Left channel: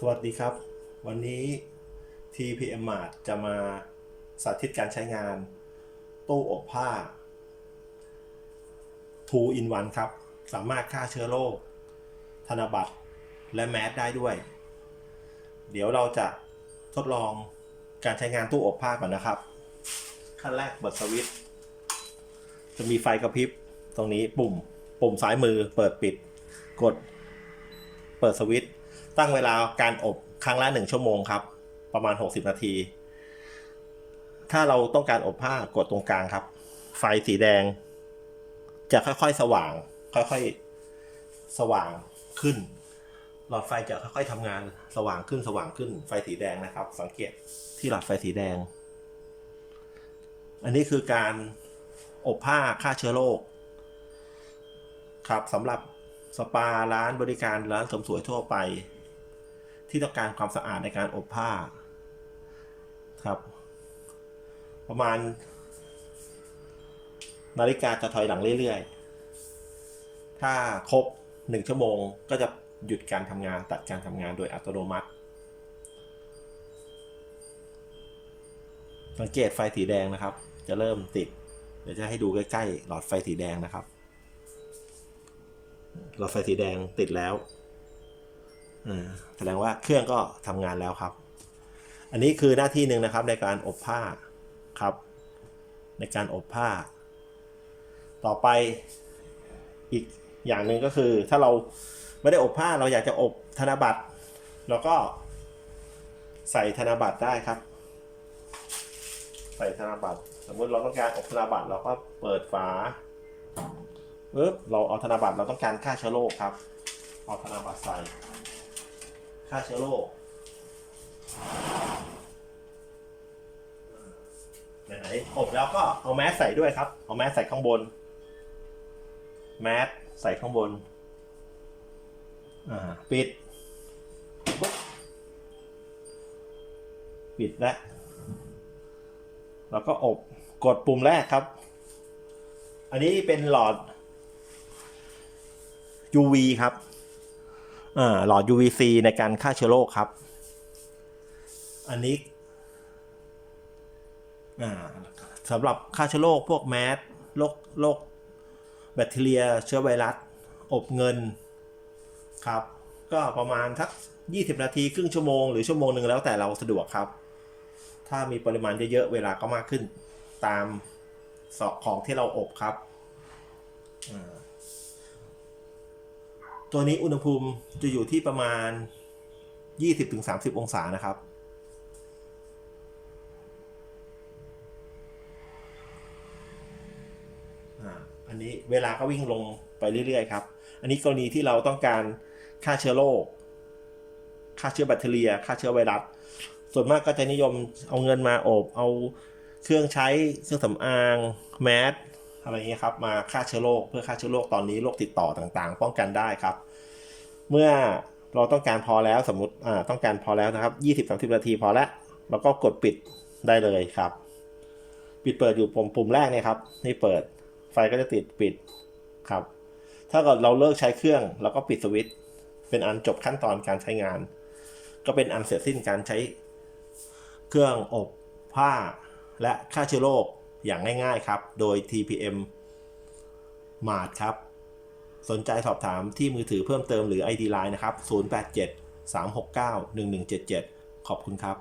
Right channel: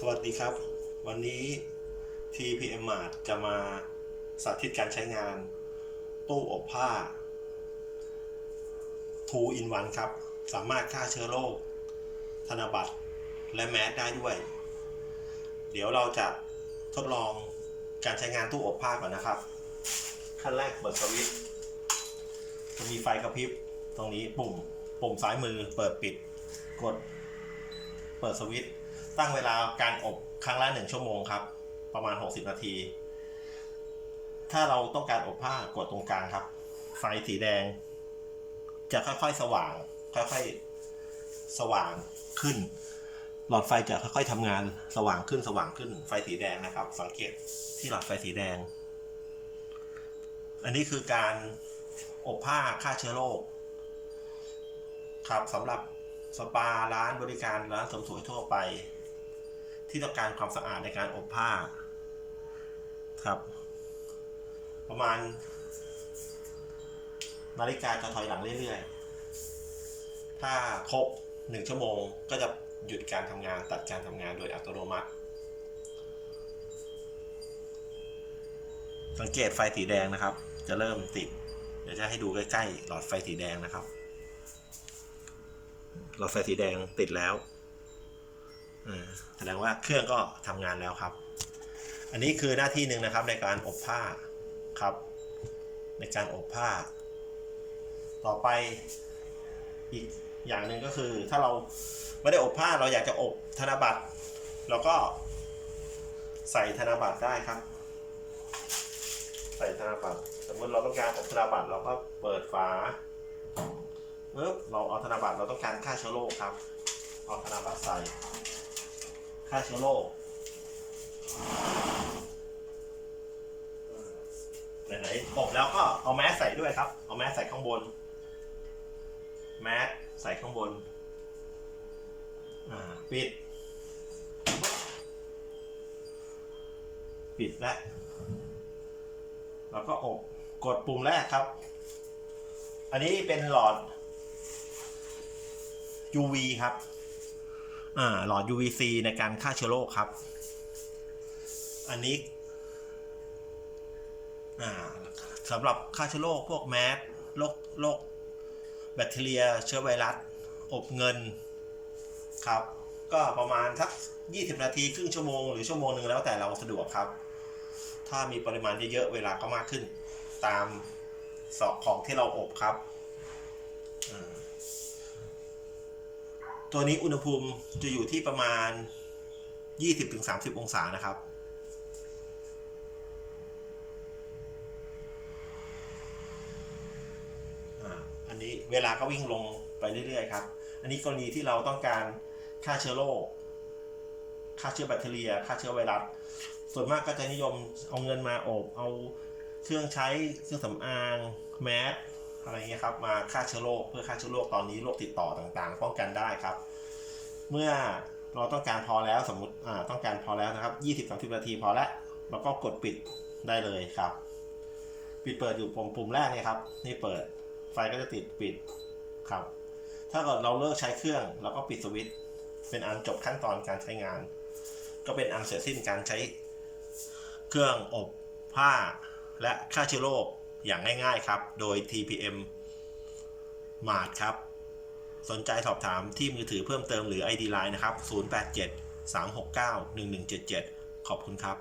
สวัสดีครับ วันนี้ TPM Mart จะมาสาธิตการใช้งาน ตู้อบผ้า 2 in 1 ครับ สามารถฆ่าเชื้อโรคธนบัตร และแมสได้ด้วย เดี๋ยวเราจะทดลองการใช้งานตู้อบผ้าก่อนนะครับ ขั้นแรกเปิดสวิตช์จะมีไฟกระพริบตรงนี้ปุ่ม ปุ่มซ้ายมือเปิดปิด กด เปิดสวิตช์ ตั้งเวลาการอบครั้งละหนึ่งชั่วโมงครับ ประมาณ 60 นาที ถ้าเราต้องการอบผ้ากดตรงกลางครับ ไฟสีแดง จะค่อยๆสว่าง ค่อยๆสว่างขึ้น หลอดไฟจะค่อยๆทำงานสว่างขึ้นสว่างขึ้น ไฟสีแดงนะครับ สังเกตที่หลอดไฟสีแดง อันนี้คือการอบผ้าฆ่าเชื้อโรคครับสำหรับสปาร้านบริการร้านเสริมสวยทั่วไป ที่ต้องการความสะอาดในการอบผ้าครับ ประมาณ นาฬิกาจะถอยหลังเรื่อยๆ ถ้าครบหนึ่งชั่วโมงก็จะหยุดการทำงานตัดการทำงานโดยอัตโนมัติ สังเกตไฟสีแดงนะครับ จะเริ่มติด เดี๋ยวจะให้ดูใกล้ๆ หลอดไฟสีแดงนะครับ หลอดไฟสีแดงติดแล้ว แสดงว่าเครื่องก็ทำงานแล้วครับ อันนี้คือหน้าที่หนึ่งนะครับในการอบผ้าครับ ในการอบผ้า ต่อไปอีกอย่างหนึ่งก็คือ ถ้าเราไม่ได้อบผ้าเราอยากจะอบธนบัตรเราก็ใส่ธนบัตรได้ครับ ใส่ธนบัตรสมมติเราต้องการอบธนบัตรเราก็เปิดฝาปึ๊บเราเอาธนบัตรเราต้องการฆ่าเชื้อโรคครับ เอาธนบัตรใส่ ฆ่าเชื้อโรคไหนๆอบแล้วก็เอาแมสใส่ด้วยครับ เอาแมสใส่ข้างบน แมสใส่ข้างบน อ่า ปิด ปิดแล้วแล้วก็อบ กดปุ่มแรกครับ อันนี้เป็นหลอด UV ครับ หลอด UVC ในการฆ่าเชื้อโรคครับ อันนี้อ่าสำหรับฆ่าเชื้อโรคพวกแมสโรคโรคแบคทีเรียเชื้อไวรัส อบเงินครับ ก็ประมาณสัก 20 นาทีครึ่งชั่วโมงหรือชั่วโมงหนึ่งแล้วแต่เราสะดวกครับ ถ้ามีปริมาณเยอะๆ เวลาก็มากขึ้นตามสอของที่เราอบครับ ตัวนี้อุณหภูมิจะอยู่ที่ประมาณ 20-30 องศานะครับ อันนี้เวลาก็วิ่งลงไปเรื่อยๆครับ อันนี้กรณีที่เราต้องการฆ่าเชื้อโรคฆ่าเชื้อแบคทีเรียฆ่าเชื้อไวรัส ส่วนมากก็จะนิยมเอาเงินมาอบ เอาเครื่องใช้เครื่องสำอาง แมส อะไรเงี้ยครับมาฆ่าเชื้อโรคเพื่อฆ่าเชื้อโรคตอนนี้โรคติดต่อต่างๆ ป้องกันได้ครับ เมื่อเราต้องการพอแล้วสมมติอ่าต้องการพอแล้วนะครับ 20-30 นาทีพอแล้วเราก็กดปิดได้เลยครับ ปิดเปิดอยู่ปุ่มปุ่มแรกเนี่ยครับนี่เปิดไฟก็จะติดปิดครับ ถ้าเกิดเราเลิกใช้เครื่องเราก็ปิดสวิตช์เป็นอันจบขั้นตอนการใช้งาน ก็เป็นอันเสร็จสิ้นการใช้เครื่องอบผ้าและฆ่าเชื้อโรค อย่างง่ายๆครับ โดย TPM Mart ครับ สนใจสอบถามที่มือถือเพิ่มเติมหรือ ID Line นะครับ 087 369 1177 ขอบคุณครับ